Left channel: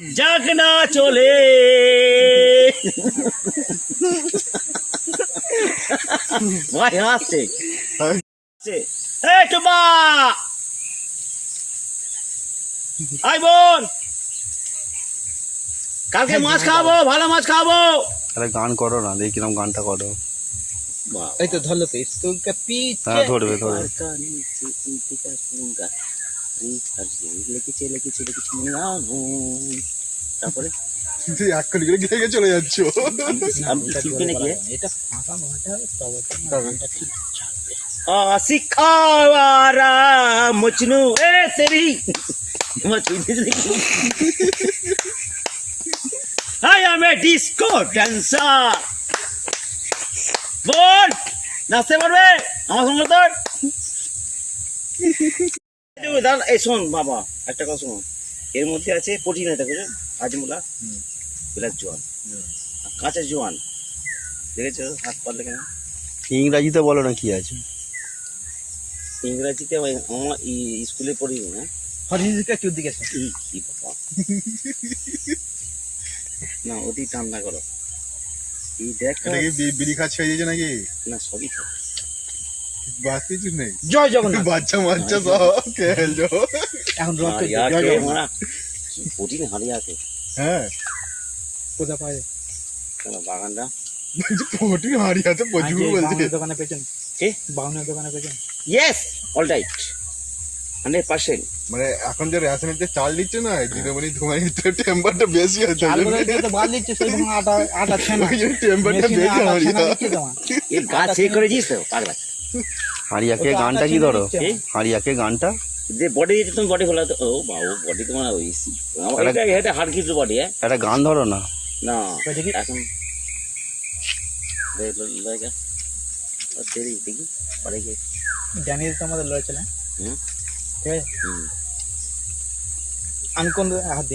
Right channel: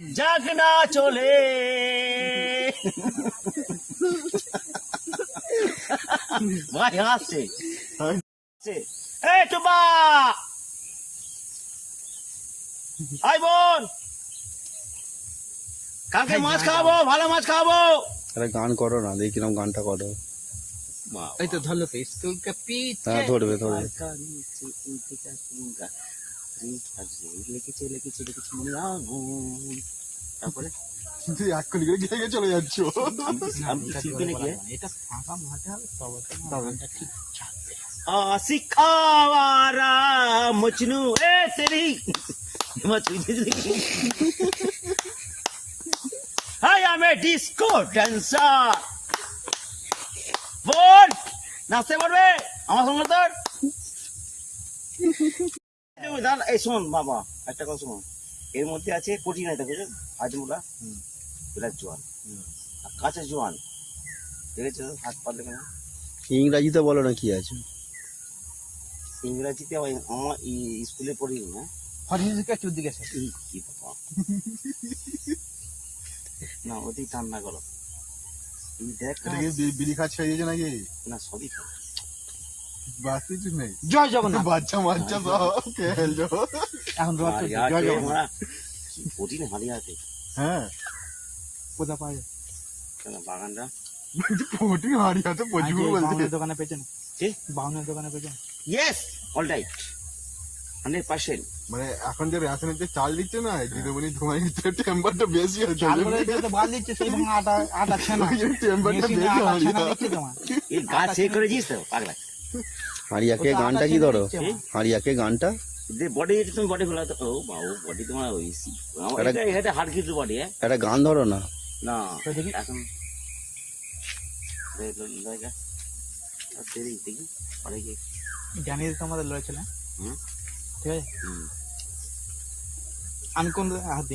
যাক না চলে ভাই হাসছে টুবা আই বোন কালকে মাছ খাবো ভালো মাছ খাবো আরে গান করো না দেখি কিরকম গানটা করো এই তো ধরলো তো স্কুল কে পিছে হ্যাঁ ধরবে ধরবে লিখেছে তারপরে তুই এক করে গেগে চলে যাচ্ছ আমি শিখবে নাকি এটা ফাঁকা মাঠে হবে তবে গানটা ঠিক सिखावारा मजनू ए तेरी I am a disco dancer बोल নাচতে পারবে আমার সঙ্গে তোর দাদা এই শোন বাবা একটা কথা শোন এর মধ্যে আছে প্রোটিন আছে বুঝলেন হাজমুলা বিলাস জোয়ান আর কাঁচা জোয়ান দেখেছো হাত পারলে কেন ইংরাজিতে বলো না কি আছে ইংরাজিতে আমার স্কুলে পড়ি না হরিজিকা চুদি গেছে কি বাবা না অতি ঠান্ডা করো এই দেখ এটা কি বিড়ি খাচ্ছে হয়ে যাচ্ছে নাকি না সবই খাও বাদ কিছু নেই জয় জগন্নাথ বাচ্চা মাচ্চা সব খেলছো এখন রথ চলছে, জয় জগন্নাথ প্রোটিন হারিয়াতে হ্যাঁ পূজা পায় বাগানটা পোটি হারিয়াতে প্রচুর বলছে বাউনের দোকানে পেছন কি বাউনের দোকানে পেছন ইয়েস অল রাইট 100% মানে এখন যে রেশনের চাল দিচ্ছে না দিদিমণি তোমার টেম্পারটা বেশি আছে চাল বলে তো বাদ দিচ্ছে সেই ভাঙা আটা আটা ছেনা টেম্পারটা মেশিনে বেশি আটা ছেনা হারিয়া দিচ্ছে তোমার এই গাছ সেই করেছিস তো পাগলা হারিয়াকে ওটা গানটা আটা কি ছেনা ধরো দিচ্ছে আমার। হারিয়াকে গানটা যে বডি দিয়েছে তুমি বডি ফেলা তো ও বাবু বডি তোমার ওই এটা হাড় কিছু বডি হ্যাঁ একটা গান ধরো না না ওই দেখি। এখন লাগা ও তেরি দেখি পরে কি জানিয়ে দিতে আমাদের লড়াই চলে হুম ঠিক আছে হুম আমি কোন হাত দিই